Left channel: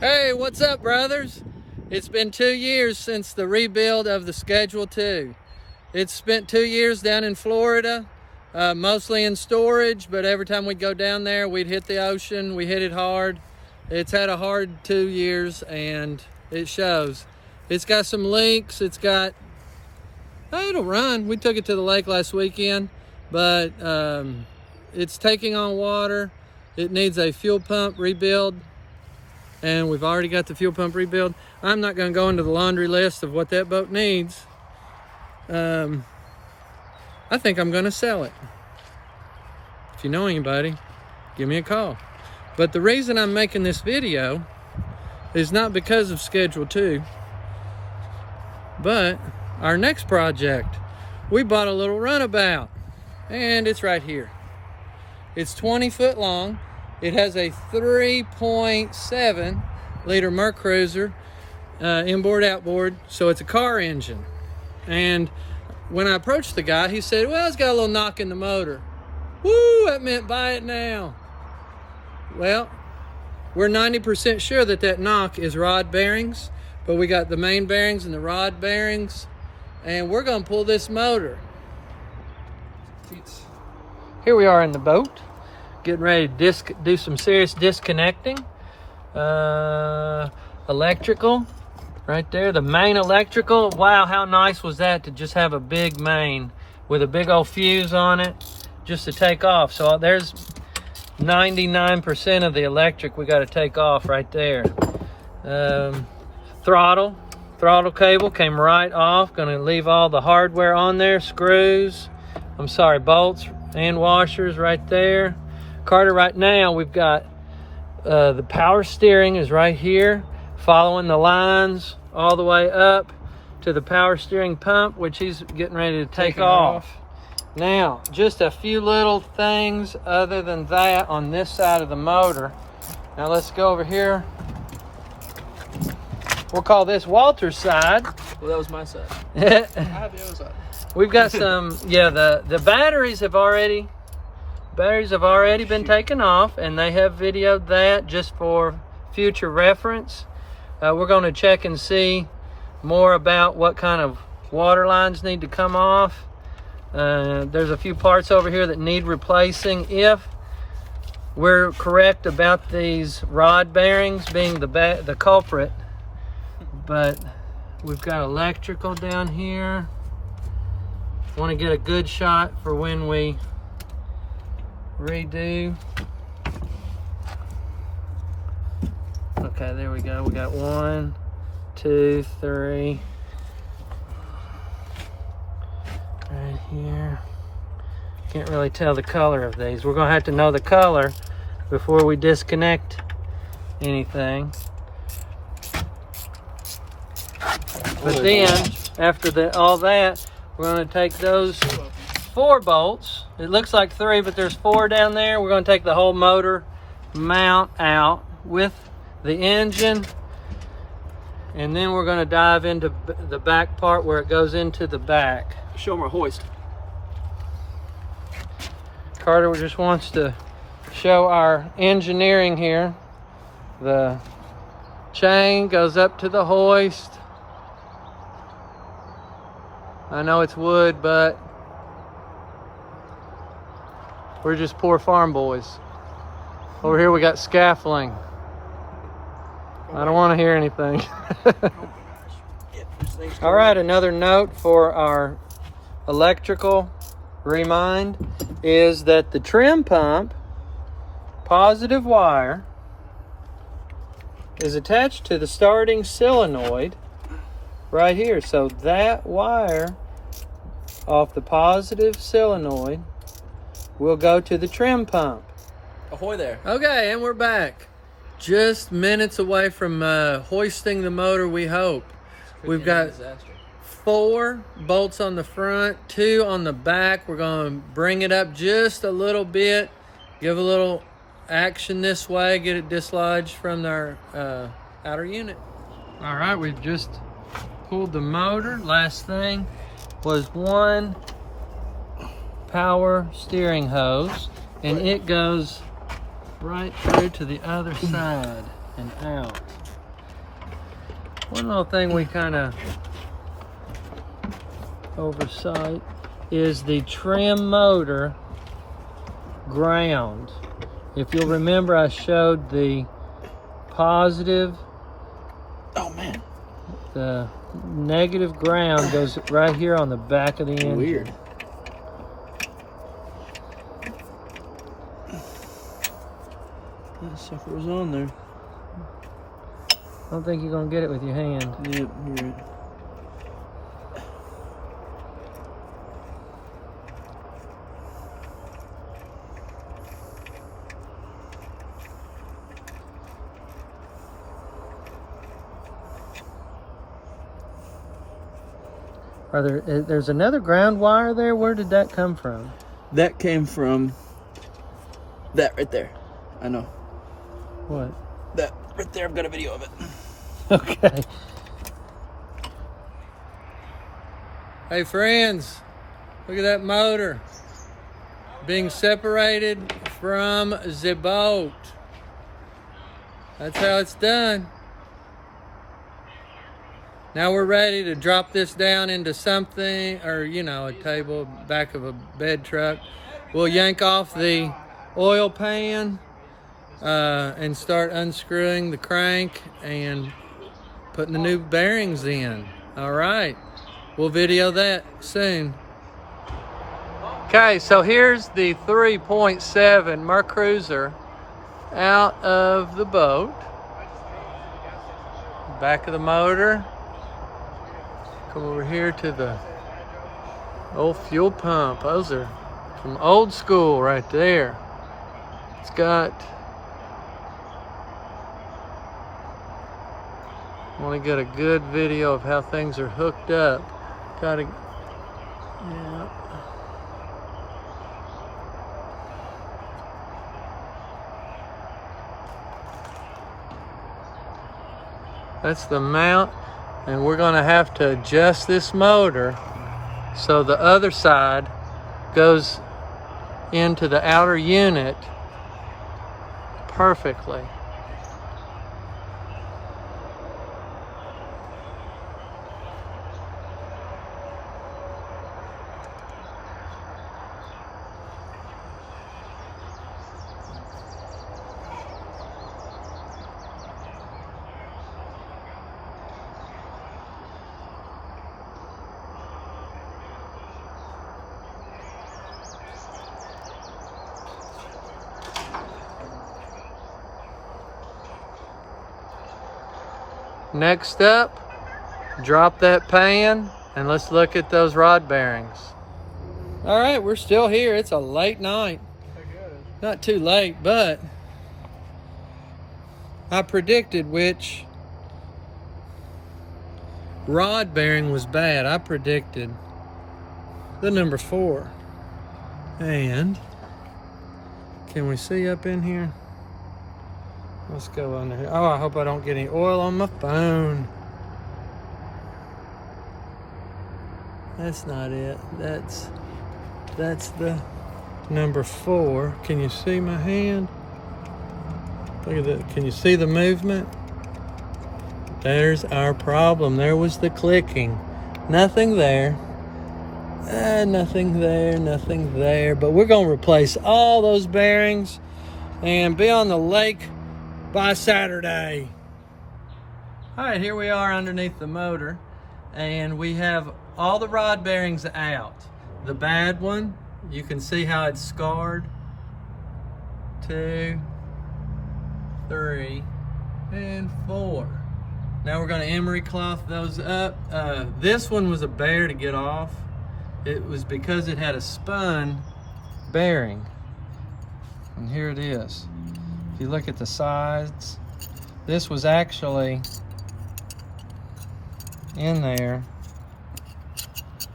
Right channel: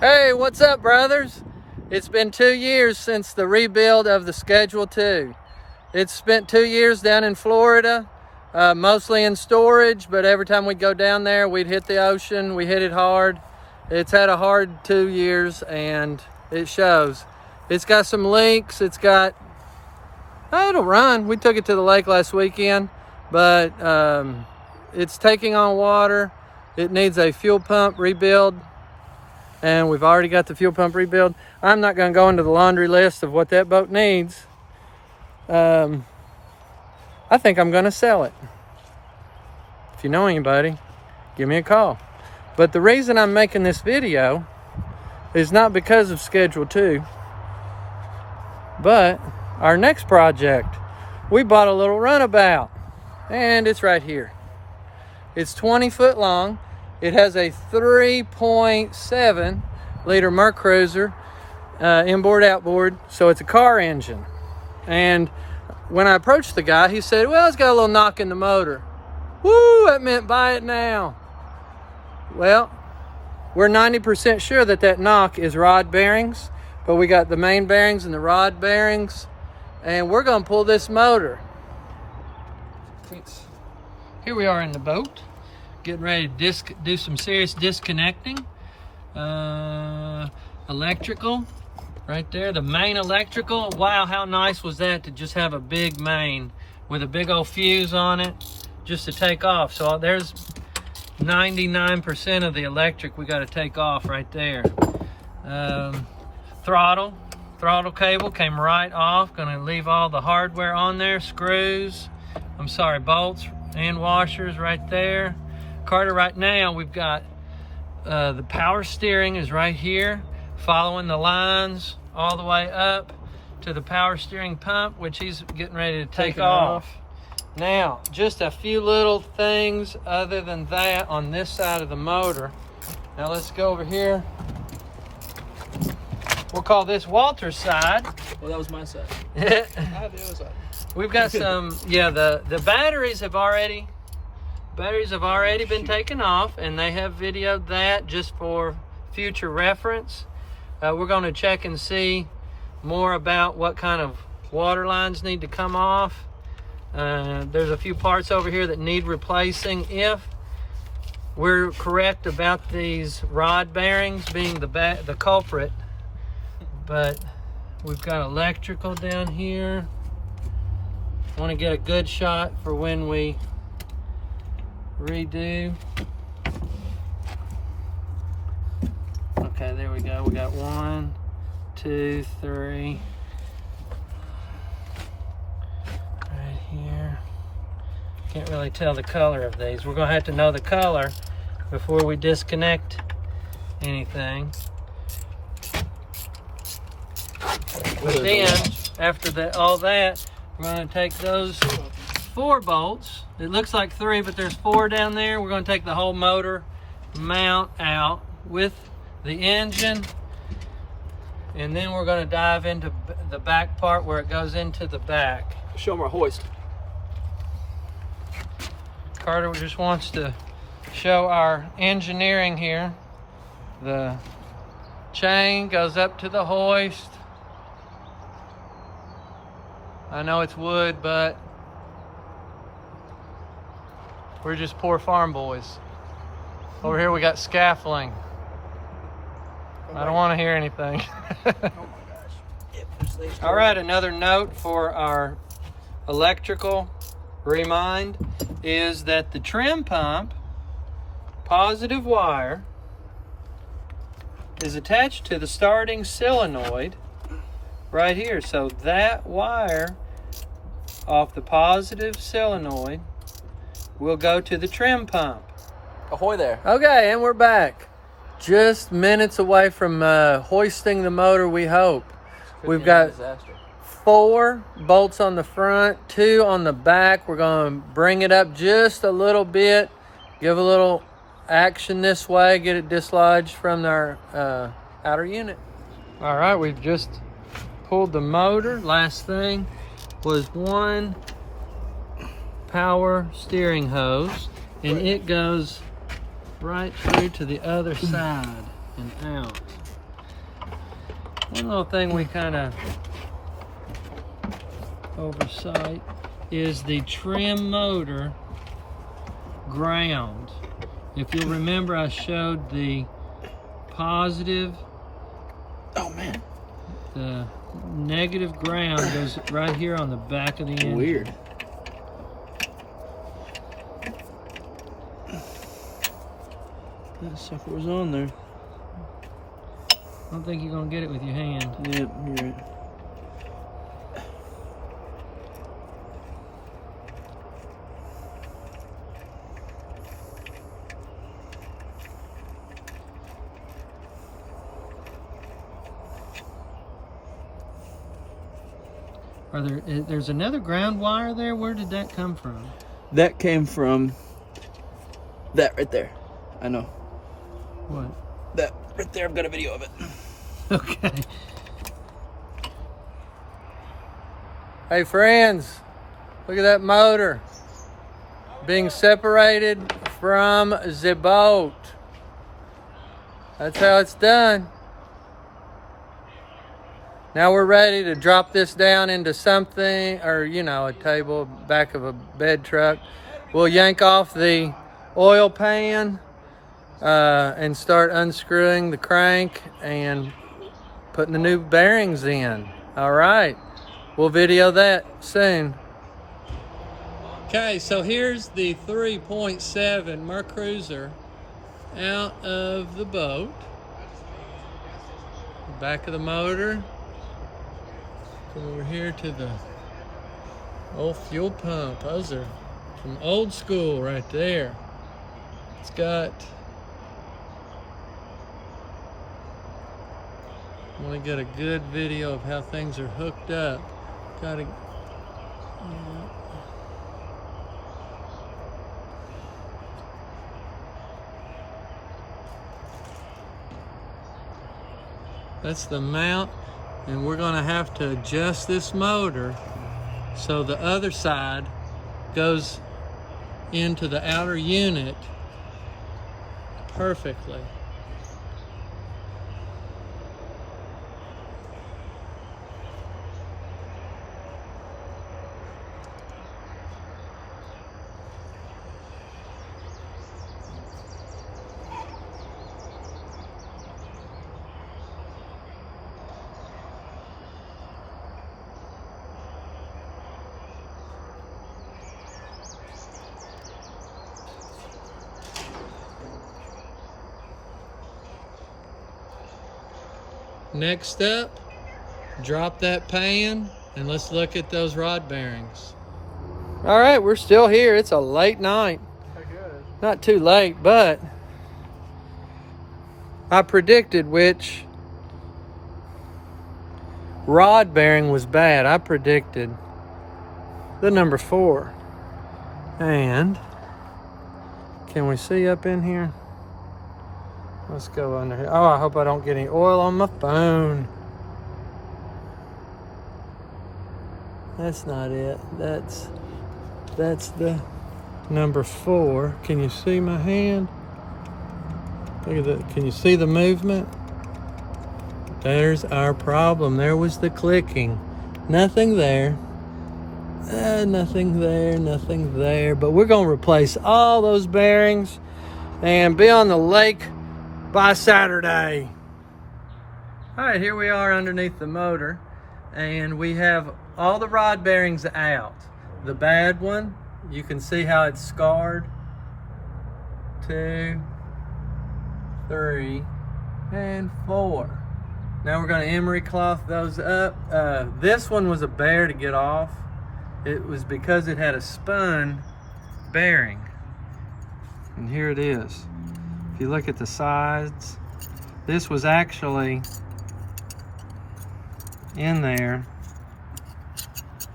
Hey, what's up, brothers? It's been 2 years since the rebuild of the Schedule 2. It's spent 2 years down in Florida, mostly in storage, but every time we'd go down there, we'd hit the ocean. We hit it hard. It's had a hard 2 years, and it shows. It's got some leaks. It'll run. We took it to the lake last weekend, but it's taking on water. It needs a fuel pump rebuild, and we've already got the fuel pump rebuild. I'm not going to go into the laundry list of what that boat needs. I think I'm going to sell it. If you know anybody, give me a call. But the reason I'm making this video is not because of Schedule 2, but our next project. We bought a little runabout, and it's right here. It's 20 foot long. It has a 3.7 liter Mercruiser inboard outboard, so it's a car engine. And when I approached the guy, he said, well, it's got a little knock in the motor. Woo, that meant buy it now. Well, we're 90% sure that knock is rod bearings, but we got the main bearings and the rod bearings, and we're gonna pull this motor. Here we are in the boat, getting ready to do some serious disconnecting. Electrical right there, the main electrical. Wow, how nice was that to just have a big main with a big old fuse on it just to take off. So there's 99% of the electric we got to take off right there. Throttle cable came right off. Gonna leave all the hardware on there, bolts and washers right there. Carter, right now we've got the power steering is right here, following the lines all the way up to the power steering pump, which he's getting ready to take off. Now, just a few little things other than that on this side of the motor. Now let's go over here. We'll call this Walter's side. Well, that was my side. I have the other side. We've got some, the batteries have already been taken off, and they have videoed that just for future reference. We're going to check and see more about what kind of water lines need to come off. There's a few parts over here that need replacing if we're correct about these rod bearings being the culprit. But we've got electrical down here. Want to get a good shot for when we redo. Okay, there we go. We got 1, 2, 3 right here. Can't really tell the color of these. We're gonna have to know the color before we disconnect anything. Then after all that, we're going to take those 4 bolts. It looks like 3, but there's 4 down there. We're going to take the whole motor mount out with the engine, and then we're going to dive into the back part where it goes into the back. Show them our hoist. Carter just wants to show our engineering here. The chain goes up to the hoist. I know it's wood, but we're just poor farm boys. Over here we got scaffolding. I don't want to hear anything. Oh my gosh. All right, another note for our electrical remind is that the trim pump positive wire is attached to the starting solenoid right here. So that wire off the positive solenoid will go to the trim pump. Ahoy there. Okay, and we're back. Just minutes away from hoisting the motor, we hope. We've got 4 bolts on the front, 2 on the back. We're going to bring it up just a little bit, give a little action this way, get it dislodged from our outer unit. All right, we've just pulled the motor. Last thing was 1 power steering hose, and it goes right through to the other side. and out. One little thing we kind of oversight is the trim motor ground. If you'll remember, I showed the positive. Oh man. The negative ground goes right here on the back of the engine. Weird. That sucker was on there. I don't think you're gonna get it with your hand. Yep, you're right. There's another ground wire there. Where did that come from? That came from that right there. I know. What? That right there. I've got a video of it. Okay. Hey friends, look at that motor being separated from the boat. That's how it's done. Now we're ready to drop this down into something, or you know, a table, back of a bed truck. We'll yank off the oil pan and start unscrewing the crank and putting the new bearings in. All right, we'll video that soon. Okay, so here's the 3.7 MerCruiser out of the boat. Back of the motor. Come over here to the old fuel pump. Those are from old school right there. It's got, I want to get a good video of how things are hooked up. Gotta, yeah. That's the mount. And we're gonna have to adjust this motor so the other side goes into the outer unit perfectly. Next up, drop that pan and let's look at those rod bearings. All right, we're still here. It's a late night. Not too late, but I predicted which rod bearing was bad. I predicted the number 4. And can we see up in here? Let's go under here. Oh, I hope I don't get any oil on my phone. That's not it. That's the number 4. Can you see my hand? Look at that. Can you see the movement? There's our problem. There was the clicking. Nothing there. Nothing there, nothing there. But we're going to replace all those bearings and be on the lake by Saturday. All right, here we are underneath the motor, and we have all the rod bearings out. The bad one, you can see how it's scarred. 2, 3, and 4. Now we're going to emery cloth those up. This one was a bear to get off. It was because it had a spun bearing. And here it is. If you look at the sides, this was actually in there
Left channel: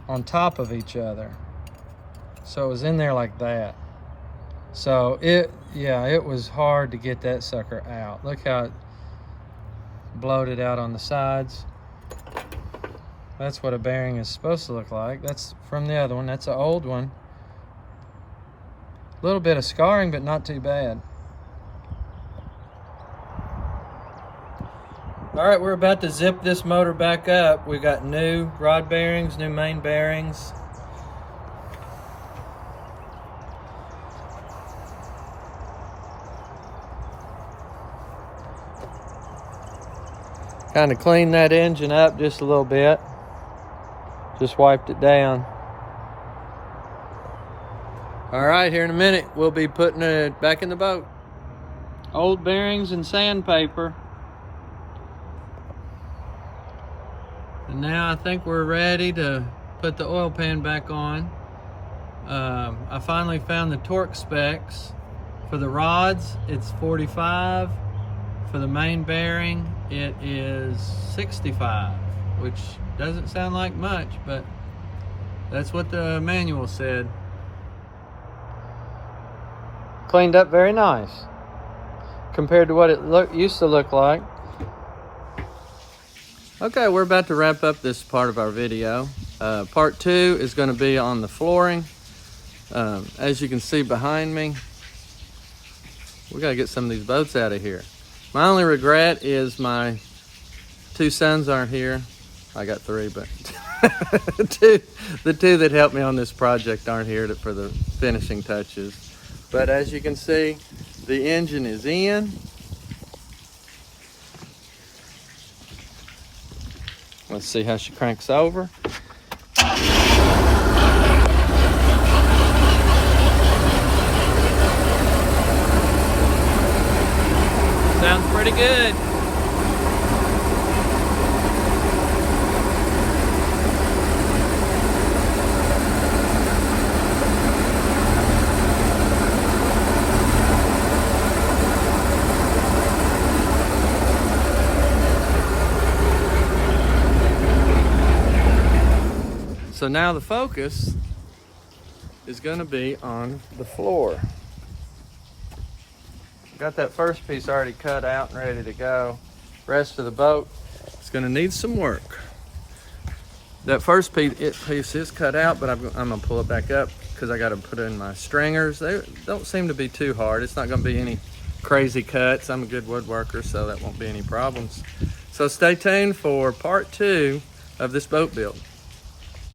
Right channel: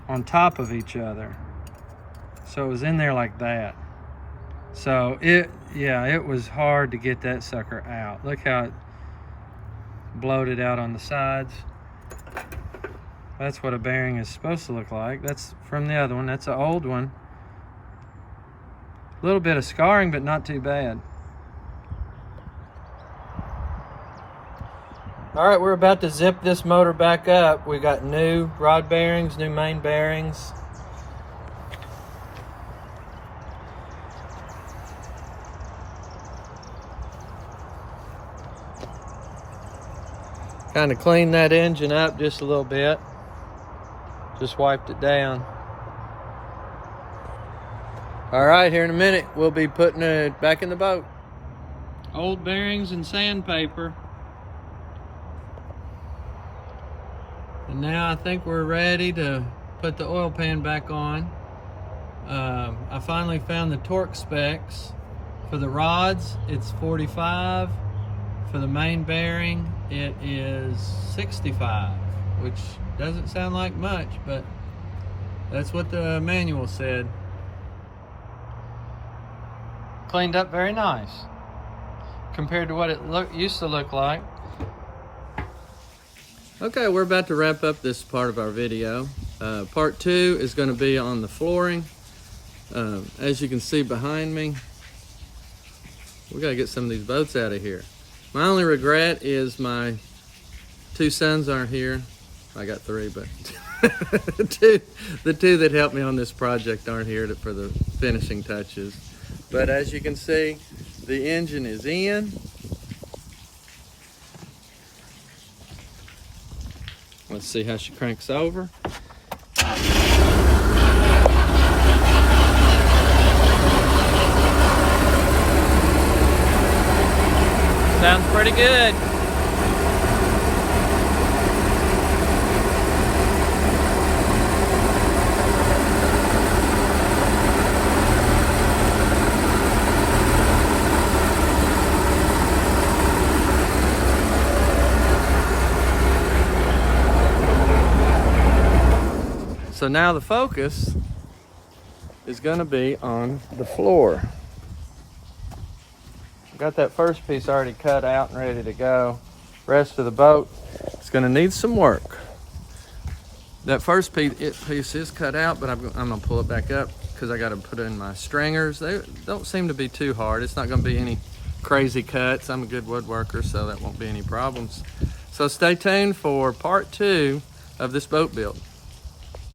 on top of each other. So it was in there like that. So it was hard to get that sucker out. Look how it bloated out on the sides. That's what a bearing is supposed to look like. That's from the other one. That's an old one. A little bit of scarring, but not too bad. All right, we're about to zip this motor back up. We got new rod bearings, new main bearings. Kind of cleaned that engine up just a little bit. Just wiped it down. All right, here in a minute, we'll be putting it back in the boat. Old bearings and sandpaper. And now I think we're ready to put the oil pan back on. I finally found the torque specs. For the rods, it's 45. For the main bearing, it is 65, which doesn't sound like much, but that's what the manual said. Cleaned up very nice compared to what it used to look like. Okay, we're about to wrap up this part of our video. Part 2 is going to be on the flooring. As you can see behind me, we got to get some of these boats out of here. My only regret is my 2 sons aren't here. I got 3, but the two that helped me on this project aren't here for the finishing touches. But as you can see, the engine is in. Let's see how she cranks over. Sounds pretty good. So now the focus is going to be on the floor. Got that first piece already cut out and ready to go. Rest of the boat is going to need some work. That first piece is cut out, but I'm going to pull it back up because I got to put in my stringers. They don't seem to be too hard. It's not going to be any crazy cuts. I'm a good woodworker, so that won't be any problems. So stay tuned for part 2 of this boat build.